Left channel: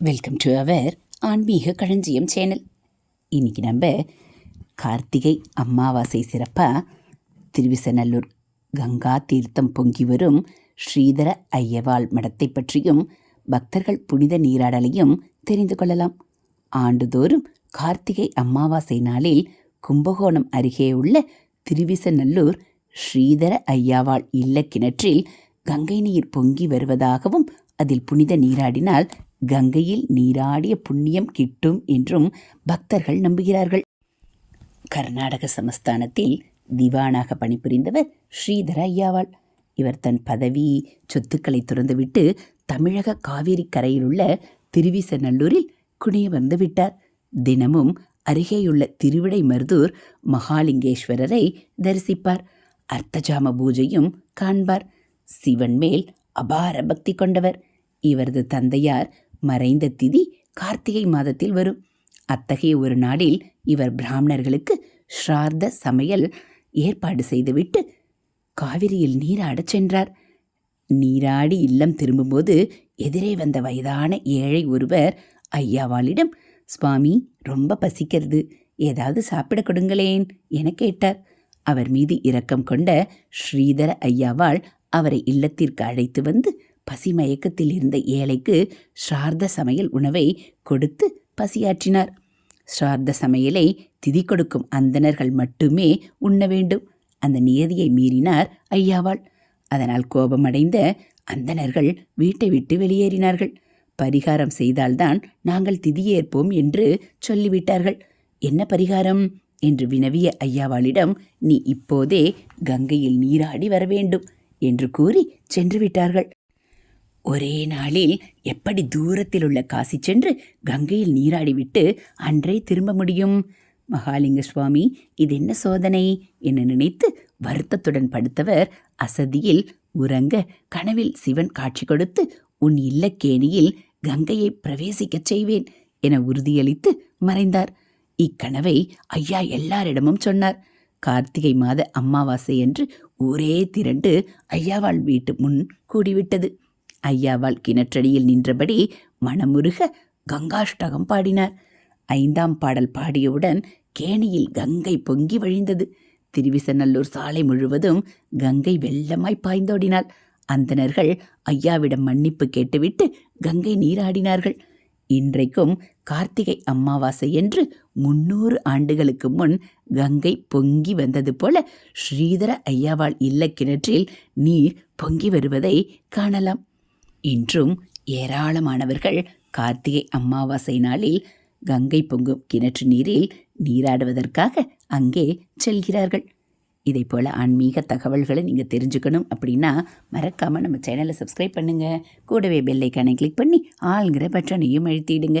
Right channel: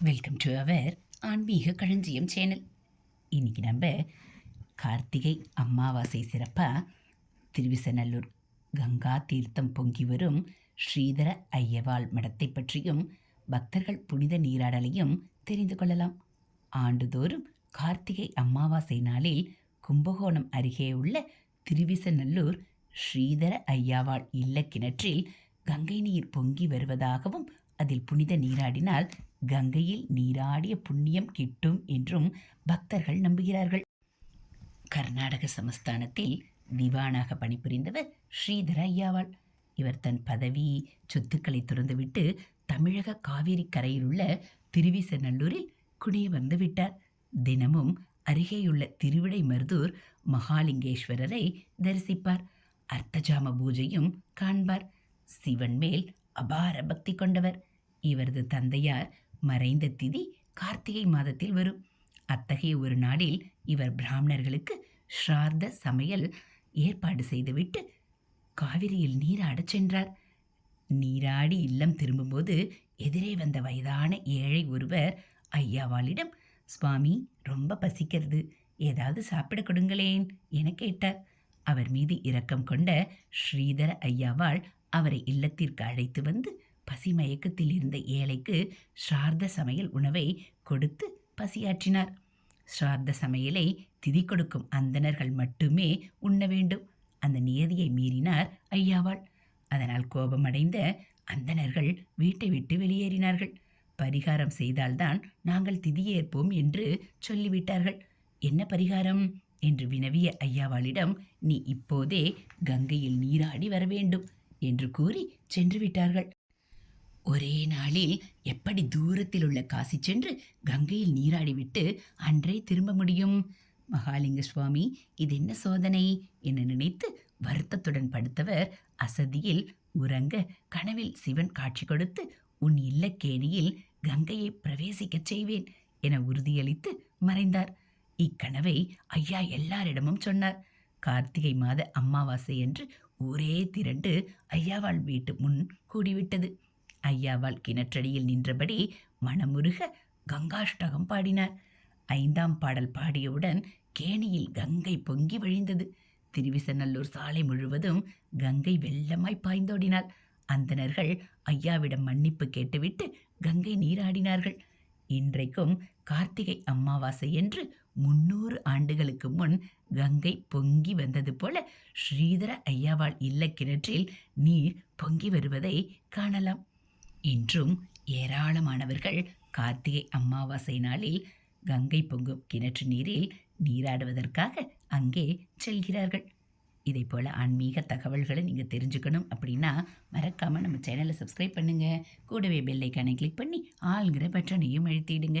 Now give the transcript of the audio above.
Welcome to our ஆன்மீக களஞ்சியம் channel இன்றைக்கி நம்ம கார்த்திகை அமாவாசை சிறப்பாக திருவிசநல்லூர் கங்கா தீர்த்தம் பொங்கி வரும் ஸ்ரீதர ஐயவாள் மடத்தை பற்றியும் பக்தர்கள் புனித நீராடலையும் தெரிந்து கொள்ளலாம். ஆண்டுதோறும் கார்த்திகை அமாவாசை நாளில் கும்பகோணம் அருகே உள்ள திருவிசநல்லூர் ஸ்ரீதர ஐயாவாள் இல்ல கிணற்றில் கங்கை நீர் பொங்கி வருவதாகவும் அதில் புனித நீராடினால் கங்கையில் நீராடிய புண்ணியம் கிட்டும் என்றும் பக்தர்கள் நம்புகிறார்கள். கர்நாடக சமஸ்தானத்தில் திவானாக பணிபுரிந்தவர் ஸ்ரீதர ஐயாவாள் இவர் தன் பதவி சொத்துக்களை துறந்துவிட்டு தமிழக காவேரி கரையில் உள்ள திருவிசநல்லூரில் குனிய வந்து விட்டார். தினமும் அருகேயுள்ள திருவிடை மருதூர் மகாலிங்கேஸ்வரரை தரிசிப்பார். அர்த்தஜாம பூஜையும் காண்பார். சிவன் மேல் அபார பக்தி கொண்டவர். இவரது தந்தையார் மறைந்த திதி கார்த்திகை மாதத்தில் வரும். அத்தகைய ஒரு நாளில் இவர் பிராமணர்களுக்கு ஸ்ரார்த்த சமையல் ஏற்பாடு செய்துவிட்டு காவிரியில் நீராடச் சென்றார். நீராடி இல்லம் திரும்பும்போது எதிரே வந்த வயதான ஏழை ஒருவர் ஐயாவாளிடம் சுவாமி ரொம்ப பசிக்கிறது. ஏதாவது சாப்பிட கொடுங்களேன் என கேட்டார். அவர் மீது இரக்கம் கொண்ட ஸ்ரீதர ஐயாவாள் அவரை இல்லத்திற்கு அழைத்து வந்து பசி மயக்கத்தில் இருந்த ஏழைக்கு ஸ்ரார்த்த சமையல் உணவை கொடுத்து பசியாற்றினார். ஸ்ரார்த்த சமையலை திதி கொடுக்கும் அந்தணர்கள் மட்டுமே உண்ண வேண்டும். அந்த நியதியை மீறினார் ஐயாவாள். அதனால் கோபமடைந்த அந்தணர்கள் வீட்டை விட்டு வெளியேறினார்கள். பரிகாரம் செய்தால்தான் நாங்கள் திதியேற்போம் என்று சொல்லிவிட்டார்கள். என்ன பரிகாரம்? என்று வினவிய ஐயாவாளிடம் நீ இப்போதே கங்கையில் நீராடி வர வேண்டும் என்று கூறி சென்று விட்டார்கள் ஒரே நாளில் எப்படி தூரத்தில் உள்ள காசி சென்று கங்கையில் நீராடிவிட்டு அன்றே திரும்ப முடியும்? மகாலிங்க சுவாமி இது என்ன சோதனை? என நினைத்து வருத்தத்துடன் படுத்தவர் அசதியில் உறங்க கனவில் சிவன் காட்சி கொடுத்து உன் இல்லக்கேணியில் கங்கையை பிரவேசிக்கச் செய்வேன் என உறுதியளித்து மறைந்தார். இக்கனவை ஐயா எல்லாரிடமும் சொன்னார். கார்த்திகை மாத அமாவாசை என்று ஊரே திரண்டு ஐயாவாள் வீட்டு முன் கூடிவிட்டது. ஐயாவால் கிணற்றடியில் நின்றபடி மனமுருக கங்காஷ்டகம் பாடினார். ஐந்தாம் பாடல் பாடியவுடன் கேணியில் கங்கை பொங்கி வழிந்தது. திருவிசநல்லூர் சாலை முழுவதும் கங்கை வெள்ளமாய் பாய்ந்தோடினாள். அந்தணர்கள் ஐயாவிடம் மன்னிப்பு கேட்டுவிட்டு கங்கை நீராடினார்கள். இன்றைக்கும் கார்த்திகை அமாவாசை என்று முன்னூறு ஆண்டுகளுக்கு முன் கங்கை பொங்கி வந்தது போல ஸ்ரீதர ஐயாவாள் இல்ல கிணற்றில் நீர் பொங்கி வருவதை காணலாம். இன்றும் ஏராளமானவர்கள் கார்த்திகை அமாவாசை நாளில் கங்கை பொங்கும் கிணற்று நீரில் நீராடுவதற்காக அங்கே செல்கிறார்கள். இதை போல் ஆன்மீக தகவல்களை நீங்கள் தெரிஞ்சுக்கணும் அப்படின்னா மறக்காமல் நம்ம சேனலை சப்ஸ்கிரைப் பண்ணுங்கள் கூடவே பெல்லைக்கானை கிளிக் பண்ணி ஆளுங்கிற பட்டனையும் அழுத்திடுங்க.